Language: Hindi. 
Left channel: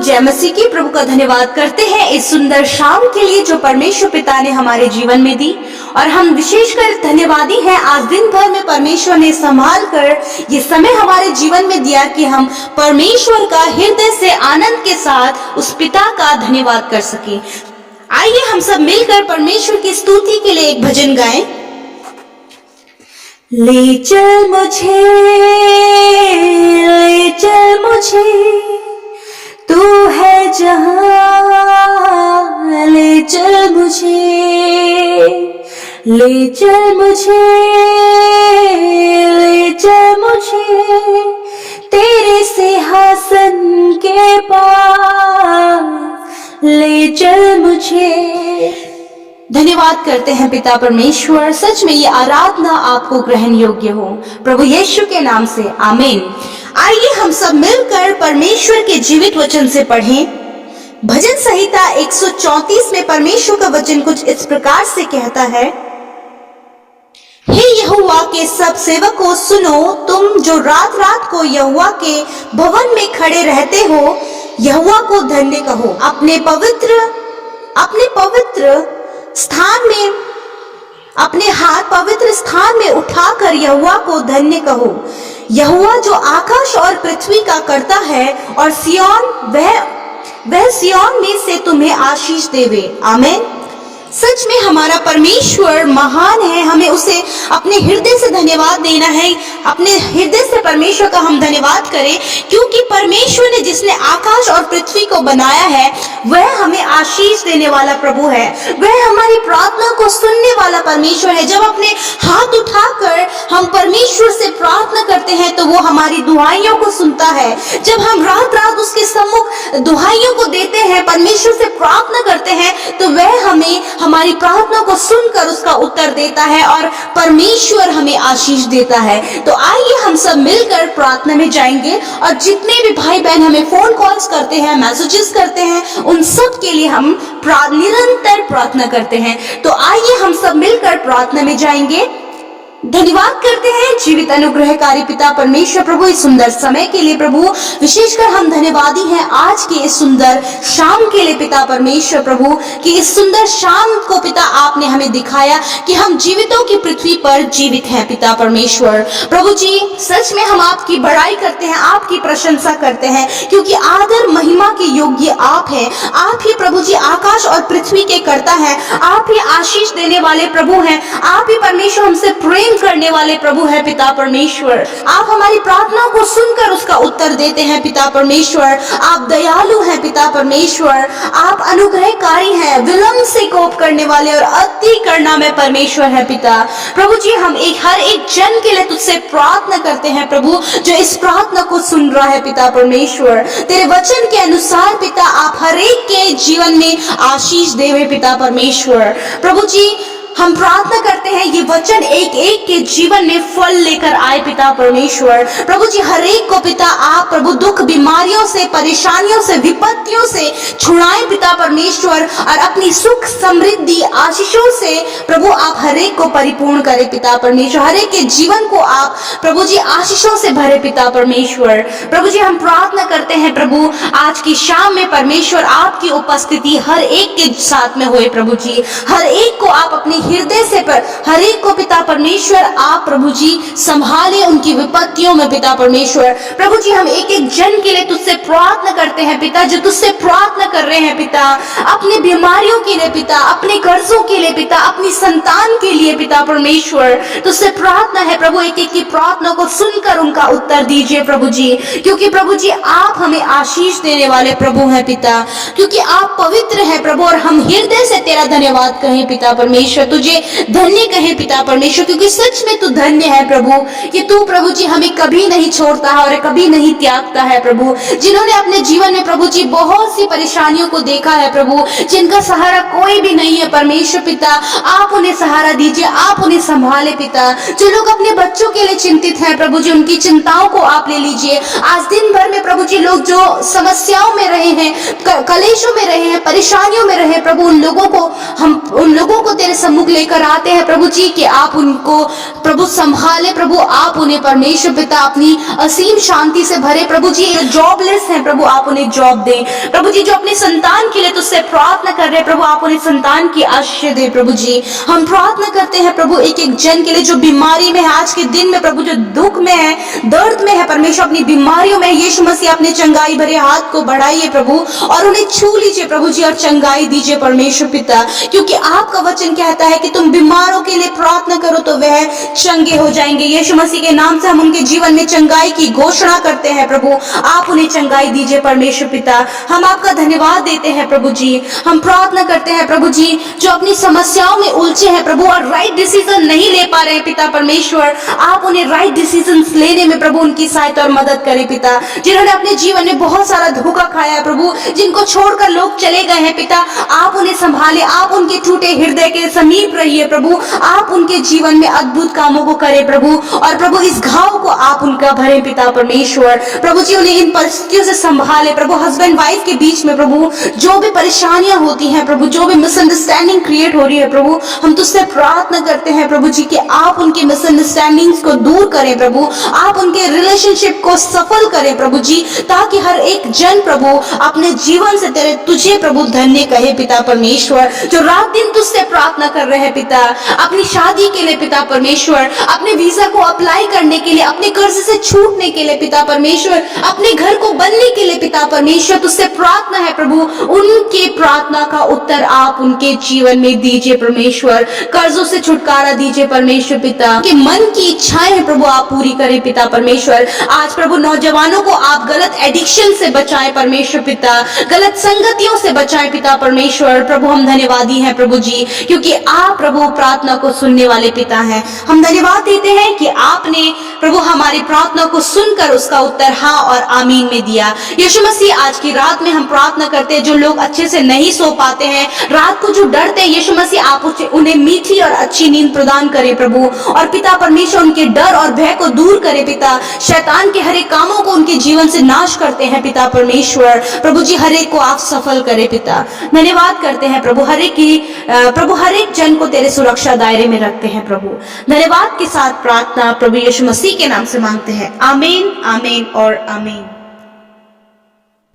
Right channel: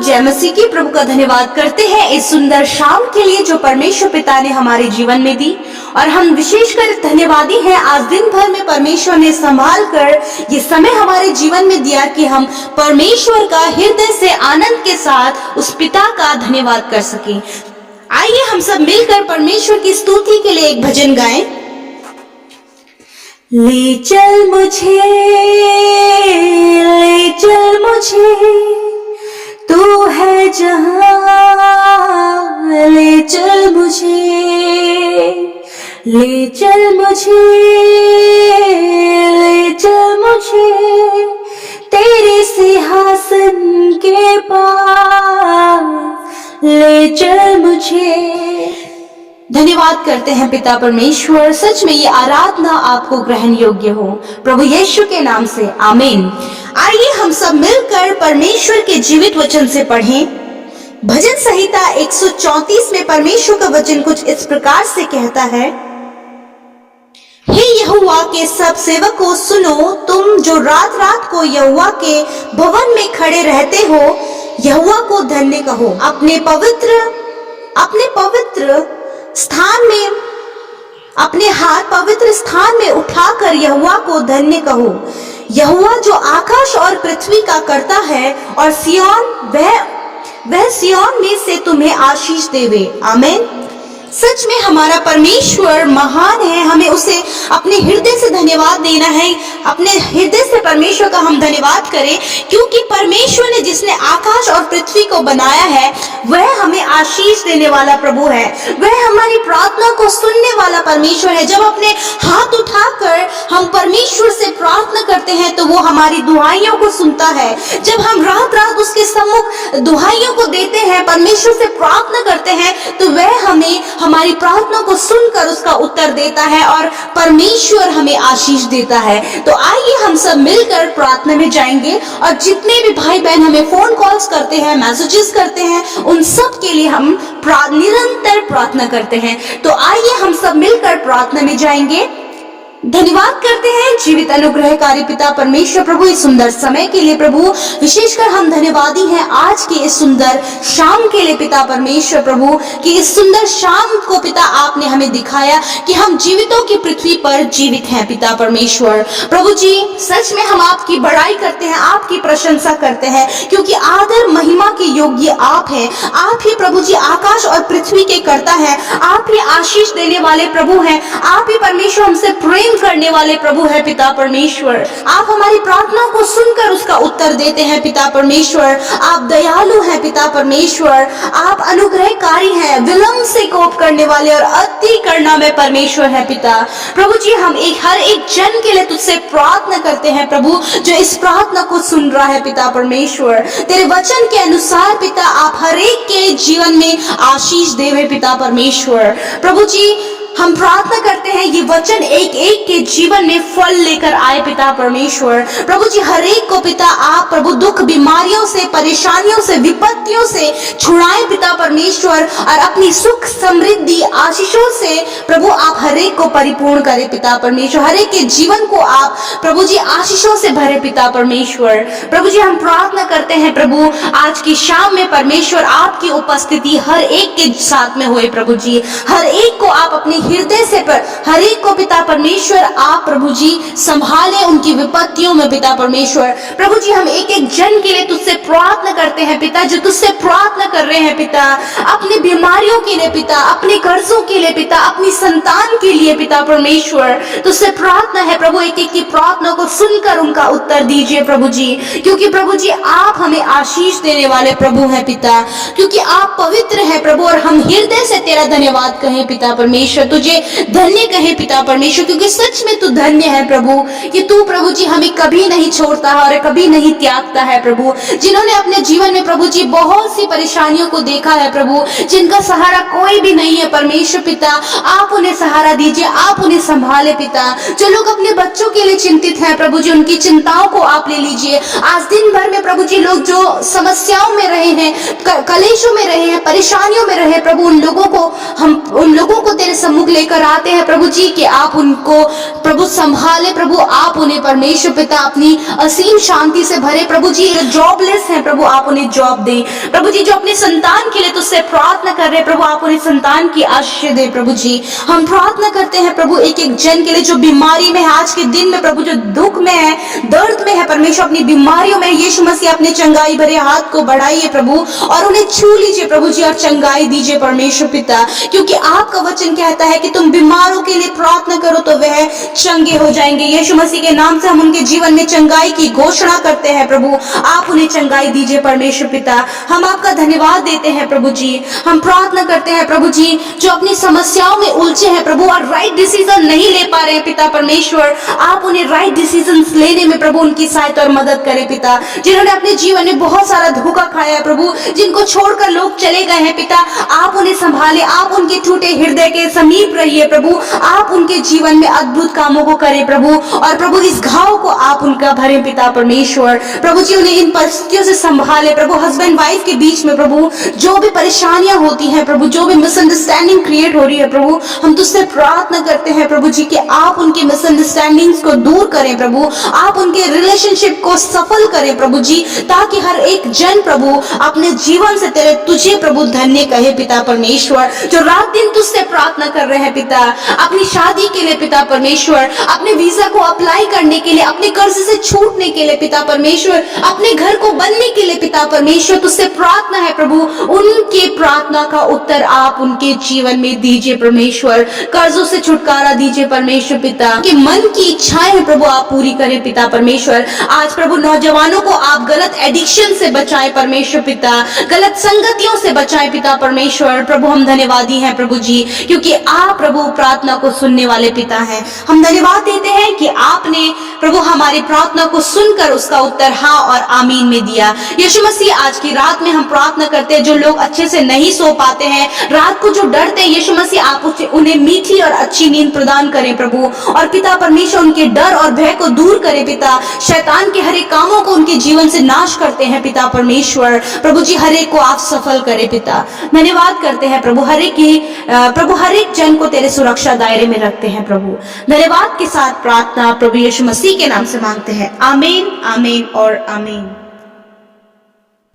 जय मसीह की। प्रभु का धन्यवाद करते हैं इस सुंदर शाम के लिए जो परमेश्वर पिता ने हमारे जीवन में दी, और हम विशेषकर धन्यवादी हैं। आज दिन भर में परमेश्वर ने संभाल कर ये समय हमारे जीवन में दिया कि हम परमेश्वर का हृदय से आनंद के साथ उस पिता का धन्यवाद कर सके। आइए हम सब मिलकर परमेश्वर की स्तुति के लिए एक भजन गाएं। ले चल मुझे तू है जहां, ले चल मुझे तेरे सिंहासन के पास, ले चल मुझे। धन्यवाद करते हैं पिता परमेश्वर, सच में ये आराधना आपको ग्रहण योग्य हो, प्रभु यीशु के नाम से आमीन। आइए हम सब मिलकर परमेश्वर के जीवित वचन से पढ़ें। भजन संहिता 134 में परमेश्वर का वचन कुछ इस प्रकार से कहता है, हे यहोवा के सब सेवकों सुनो, तुम जो रात रात को यहोवा के भवन में खड़े रहते हो, यहोवा को धन्य कहो। अपने पवित्र स्थान में अपने हाथ पवित्र स्थान में उठाकर यहोवा को धन्य कहो। यहोवा जो आकाश और पृथ्वी का करता है, और सिय्योन वह सिय्योन में से तुम्हें आशीष देवे। आमीन। सच में हमारा परमेश्वर महान है, हमें उसे अपने हृदय से धन्यवाद देना है। अपने हृदय से परमेश्वर का हम धन्यवाद करें, क्योंकि परमेश्वर ने जिसने आकाश और पृथ्वी को बनाया है वह हमें आशीष देने वाला प्रभु है। वह हमारी प्रार्थना को सुनने वाला परमेश्वर है। जब अपने हाथ उठाकर हम परमेश्वर से प्रार्थना करते हैं तो वो हमारी दुहाइयों को सुनता है। जब हम रात रात उसके सम्मुख दुहाइयों को देते हैं, परमेश्वर से प्रार्थना करते हैं, तो वह हमें हमारी प्रार्थना को सुनकर उसका उत्तर देता है और परमेश्वर हमें आशीष देता है। तो आइए हम सब मिलकर प्रार्थना में जाएंगे, और जितने भी भाई बहन हमें फोन कॉल्स करते हैं, मैसेजेस करते हैं, उन सब के लिए हम निरंतर प्रार्थना करते हैं। तो आइए हम सब मिलकर प्रार्थना में जाएंगे। धन्यवाद करते हैं जीवित अनुग्रहकारी पिता परमेश्वर प्रभु इस सुंदर समय के लिए। प्रभु विशेषकर हम धन्यवादी हैं आज के इस सुंदर शाम के लिए पिता परमेश्वर प्रभु, कि इस सुंदर शाम को पिता आपने हमें दिखाया कि हम जीवितों की पृथ्वी पर जीवित हैं पिता परमेश्वर प्रभु जी। सच में हम आपकी बड़ाई करते हैं, आपकी प्रशंसा करते हैं, क्योंकि आदर महिमा के योग्य आप हैं। आप ही प्रभु जी आकाश और पृथ्वी के कर्ता हैं, आप ही आशीष देने वाले प्रभु हैं, आप ही परमेश्वर हमसे प्रेम करने वाले प्रभु है पिता परमेश्वर। आप हमारी प्रार्थना को सुनकर उसका उत्तर देते हैं पिता परमेश्वर। आप दयालु हैं पिता परमेश्वर, आप अनुग्रहकारी हैं, विलंब से कोप करने वाले और अति करुणा में परमेश्वर है पिता प्रभु जी। हम हर एक जन के लिए तुझसे प्रार्थना करते हैं प्रभु, जो इस प्रार्थना को सुन रहा है पिता परमेश्वर। तेरे वचन के अनुसार पिता आप हर एक के जीवन में आशीष देवे पिता परमेश्वर प्रभु जी। हम प्रार्थना करते हैं ये वचन एक एक के जीवन में फल लेकर आए पिता परमेश्वर प्रभु जी। हर एक को पिता आप प्रभु दुख बीमारियों से, परेशानियों से, विपत्तियों से छुड़ाएं पिता परमेश्वर, और अपनी सुख समृद्धि आशीषों से प्रभु आप हर एक को परिपूर्ण करें पिता परमेश्वर। हर एक के जीवन को आप प्रभु जी आशीषों से भरे पिता परमेश्वर प्रभु जी। हम प्रार्थना करते हैं प्रभु आज की शाम में परमेश्वर आपकी उपस्थिति हर एक के साथ में होए प्रभु जी। हर एक को आप अपने हृदय से हर एक को पिता परमेश्वर आप प्रभु जी संभाले उनकी विपत्तियों में पिता परमेश्वर प्रभु जी। हम एक एक जन के लिए तुझसे प्रार्थना करते हैं पिता, जो तुझसे प्रार्थना कर रहे हैं पिता, अपने बीमारियों के लिए पिता, अपने कर्जों के लिए पिता, अपनी संतान के लिए पिता परमेश्वर तुझसे प्रार्थना है प्रभु। एक एक की प्रार्थना को सुनकर उनका उत्तर दीजिए प्रभु जी, क्योंकि प्रभु जी आप हमें आशीष देने वाले प्रभु हैं पिता, क्योंकि आप पवित्र हैं प्रभु। और हम हृदय से तेरा धन्यवाद कहें पिता परमेश्वर, तुझे धन्य कहें पिता परमेश्वर, क्योंकि सच में तू धन्य है प्रभु, कि तू प्रभु जी हमें कभी नहीं छोड़ता है और कभी नहीं त्यागता है प्रभु। जिन्होंने अपने जीवन में प्रभु जी बहुत सी परेशानियों को देखा है प्रभु, जिनका सहारा कोई भी नहीं है परमेश्वर पिता, आप उन्हें सहारा दीजिए, आप उन्हें संभाले पिता। जो लोग अपने बच्चों के लिए चिंतित हैं प्रभु जी, उनकी चिंताओं को आप ले लीजिए। आज दिन भर में प्रभु जी लोग जो समस्याओं में रहे हैं, कलेशों में रहे हैं, परेशानियों में रहे प्रभु, उन लोगों को तेरे सम्मुख सम्मुख लेकर आते हैं प्रभु जी कि आप उनको प्रभु संभाले, प्रभु आप उन्हें परमेश्वर पिता अपनी असीम शांति से भरे। प्रभु जी जो जॉबलेस हैं प्रभु आप उन्हें जॉब दें। प्रभु जी जो अपने संतान के लिए तुझसे प्रार्थना कर रहे हैं प्रभु आप उन्हें संतान की आशीष दे। प्रभु जी हम प्रार्थना करते हैं प्रभु एक एक जन के लिए जो बीमारी में है आज के दिन में प्रभु, जो दुख में है, दर्द में है परमेश्वर, अपनी बीमारियों में यीशु मसीह अपने चंगाई भरे हाथ को बढ़ाइए प्रभु और उन्हें छू लीजिए प्रभु जी और चंगाई दीजिए परमेश्वर पिता, क्योंकि आपका वचन कहता है कि तुम बीमारों के लिए प्रार्थना करो तो वह चंगे हो जाएंगे। यीशु मसीह के नाम से हम उनके जीवन में चंगाई की घोषणा करते हैं प्रभु, आप उन्हें चंगाई दीजिए परमेश्वर पिता। हम आपका धन्यवाद देते हैं प्रभु जी। हम प्रार्थना करते हैं प्रभु जी जो अपनी समस्याओं में उलझे हैं प्रभु और राइट डिसीजन नहीं ले पा रहे हैं पिता परमेश्वर, आप उन्हें राइट डिसीजन लेने में प्रभु उनकी सहायता और मदद करें पिता। जिन्होंने अपने जीवन में बहुत सारा धोखा खाया है प्रभु, जिनको छोड़कर लोग चले गए हैं पिता, आप उन्हें संभाले, आप उनके टूटे हृदय के समीप रहिए प्रभु, आप उनके जीवन में अद्भुत कामों को करें प्रभु और प्रभु इस घाव को आप उनका भरे पिता परमेश्वर। प्रभु जी उन्हें इन परिस्थितियों से संभाले प्रभु, हस्बैंड वाइफ के बीच में प्रभु जो भी परेशानियां होती हैं प्रभु, जो भी मिसअंडरस्टैंडिंग क्रिएट हो रही है प्रभु, हम तुझसे प्रार्थना करते हैं प्रभु जी कि आप उनकी मिसअंडरस्टैंडिंग्स को दूर करें प्रभु, आप उनके रिलेशनशिप को सफल करें प्रभु जी, ताकि हर एक जन प्रभु अपने जीवन से तेरे तुझे प्रभु धन्य कहे पिता परमेश्वर। जो रात दिन तुझसे प्रार्थना कर रहे हैं पिता अपनी शादी के लिए पिता परमेश्वर, अपने वीजा को अप्लाई करने के लिए, अपने कर्ज से छूटने के लिए पिता परमेश्वर, अपने घर को बनने के लिए पिता परमेश्वर, तुझसे प्रार्थना है प्रभु उनके प्रार्थना का उत्तर आप उनके जीवन में दीजिए परमेश्वर, कर्जों से छुटकारा दीजिए परमेश्वर पिता, कि मन की इच्छाएं हैं प्रभु आप पूरी करें पिता परमेश्वर। आज प्रभु नौजवानों को आप गलत एडिक्शन से बचाएं परमेश्वर पिता, गलत संगतियों से बचाएं पिता परमेश्वर। प्रभु हम धन्यवादी हैं प्रभु जी, क्योंकि आप प्रभु प्रार्थना को सुनने वाले पिता हैं। हम धन्यवाद देते हैं कि आपने प्रभु हमारी प्रार्थना को सुनकर उसका उत्तर हाँ और आमीन में दिया। यीशु मसीह आज की रात में हम प्रार्थना करते हैं जो लोग अच्छे से नहीं सो पाते हैं, रात को जो डरते हैं, यीशु मसीह आप उन्हें मीठी और अच्छी नींद प्रदान करें प्रभु, और पिता परमेश्वर उनके डर और भय को दूर करें पिता, शैतान के हर एक कामों को उनके जीवन से नाश करते हैं पिता परमेश्वर। प्रभु जी हर एक को आप सफल करें पिता। धन्यवाद करते हैं प्रभु हर एक जन को तेरे सुरक्षा दायरे में रखते हैं प्रभु। धन्यवाद के साथ प्रार्थना प्रभु यीशु मसीह के नाम से मांगते हैं, आमीन आमीन और आमीन।